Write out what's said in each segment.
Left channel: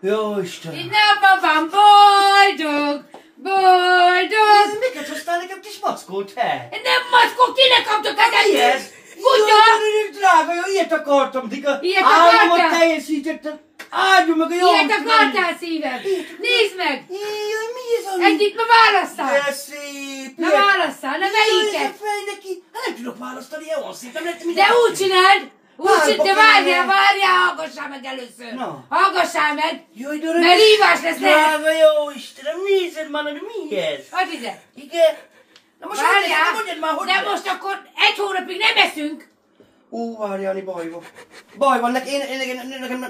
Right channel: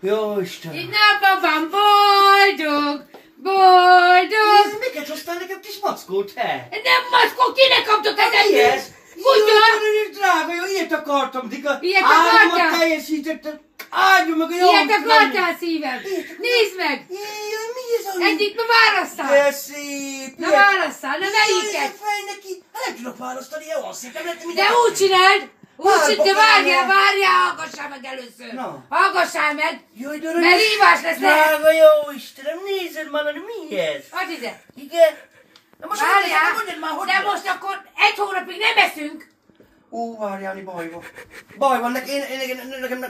Jó Isten! Itt napon van boldog! Boldog! Miket hoztál nekem kis mackót, he? Nem mackó, kinek kaptok ezen? Mi ez? Kutya! Jaj, drága, jó, ilyet akartam, Dika. Ilyet Álmomot akartál? teljesítettem. Áldjon meg a jó. Ilyet akartál, szívem? Nézd meg! Jaj, mi ez a... Egyik ma válasszál! De szép! Na válasszál, na melyiket? Jaj, fej neki! Hát nem tudok választani, olyan szép, nem lehet De úgy csináld! Úgy csináld, de Várj, várjál, hallgassál meg először! Na. Hallgassál meg! Jaj, de Mert rívás lesz lehet! Drága jó Istenem, nézed már, de mi ez? Add ide! Igen? Na most Várjál! mondjad már, hogy... De most akkor egy hónapig nem eszünk! Ó, várjálni, baj van. Baj van,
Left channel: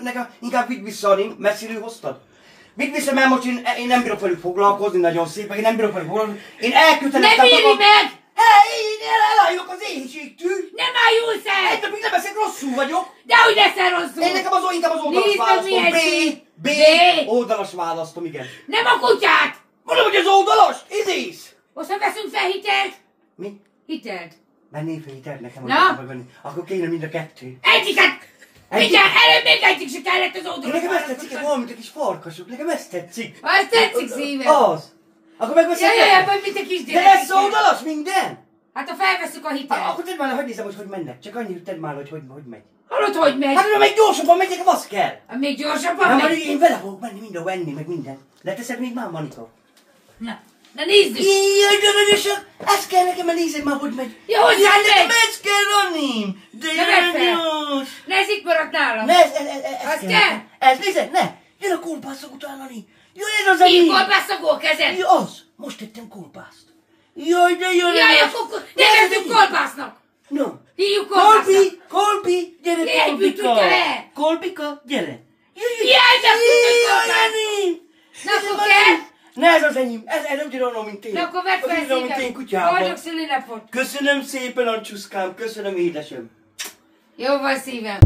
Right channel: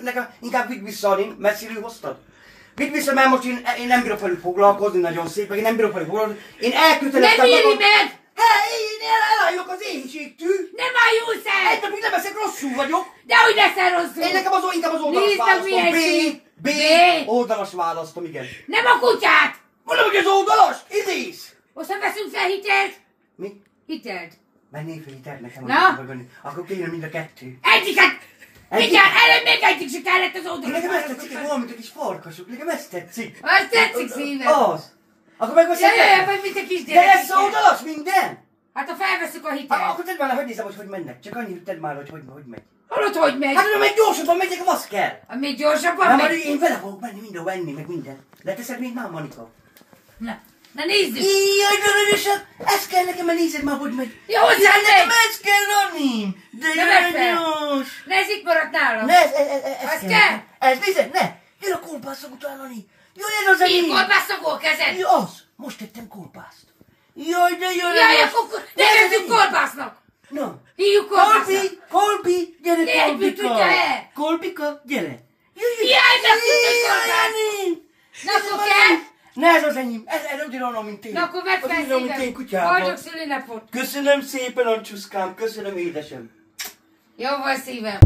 nekem inkább vidd vissza, Ani, messziről hoztad. Vidd vissza, mert most én nem bírok velük foglalkozni, nagyon szép, én nem bírok velük foglalkozni. Én elköteleztem Nem éri meg! Én elálljuk az éhségtől. Nem ájulsz el! Egy napig nem eszek, rosszul vagyok. Dehogy leszel rosszul! Én nekem inkább az oldalas Nézd meg, választom. milyen szép. B. Oldalas választom, igen. Nem a kutyát! Mondom, hogy az oldalas, idéz. Most nem veszünk fel hitelt? Mi? Hitelt. Mennél fel hitelt nekem, Na? hogy venni. Akkor kéne mind a kettő. Egyiket! Mindjárt előbb még egyik se kellett az oldalas Nekem ezt tetszik, választókat. olyan, mint a kis farkasok. Nekem ezt tetszik. Azt tetszik szívem. Az. Akkor megveszed. Jöjjön, vagy mint a De kisgyerek. lesz oldalas minden? Hát ha felveszük a hitelt. Akkor tedd már, hogy nézem, hogy mennek. Csak annyit tedd már, hogy megy. Hallod, hogy megy? Hát, még gyorsabban megyek, az kell. Még gyorsabban Na, majd megy. én vele fogok menni mindenhol enni, meg minden. Leteszed még már, Manika? Na nézzük. Jaj, de aranyosat! Ez kell nekem, mert nézed már, hogy megy. Jó, hogy Jaj, megy. de ez kell, Anim! De Ne vedd fel. aranyos! Ne, ez itt maradt nálam. Ne, ez Az kell? Ez, nézd, ne! Jön a kolbászok utána, Ani! Jön ez az, Ani! Így kolbászogó kezed. Jaj, az! Most tettem kolbászt. Jaj, de jön Jaj, ez! akkor nevezzük kolbásznak. No. Hívjuk kolbásznak. Kolbi, gyere, Jaj, mit Kolbika! tudja-e? Kolbika, gyere! Jaj, de tudod Jaj, kolbász. Ani! Na, akkor kell? Ne, ez az enyém, ez ugyanolyan, mint én. Na, akkor vedd fel Ugyanolyan, mint én szépen. kutyában. Boldog szülinapot. Köszönöm szépen, Ancsuszkám, köszönöm édesem. Jó van szívem.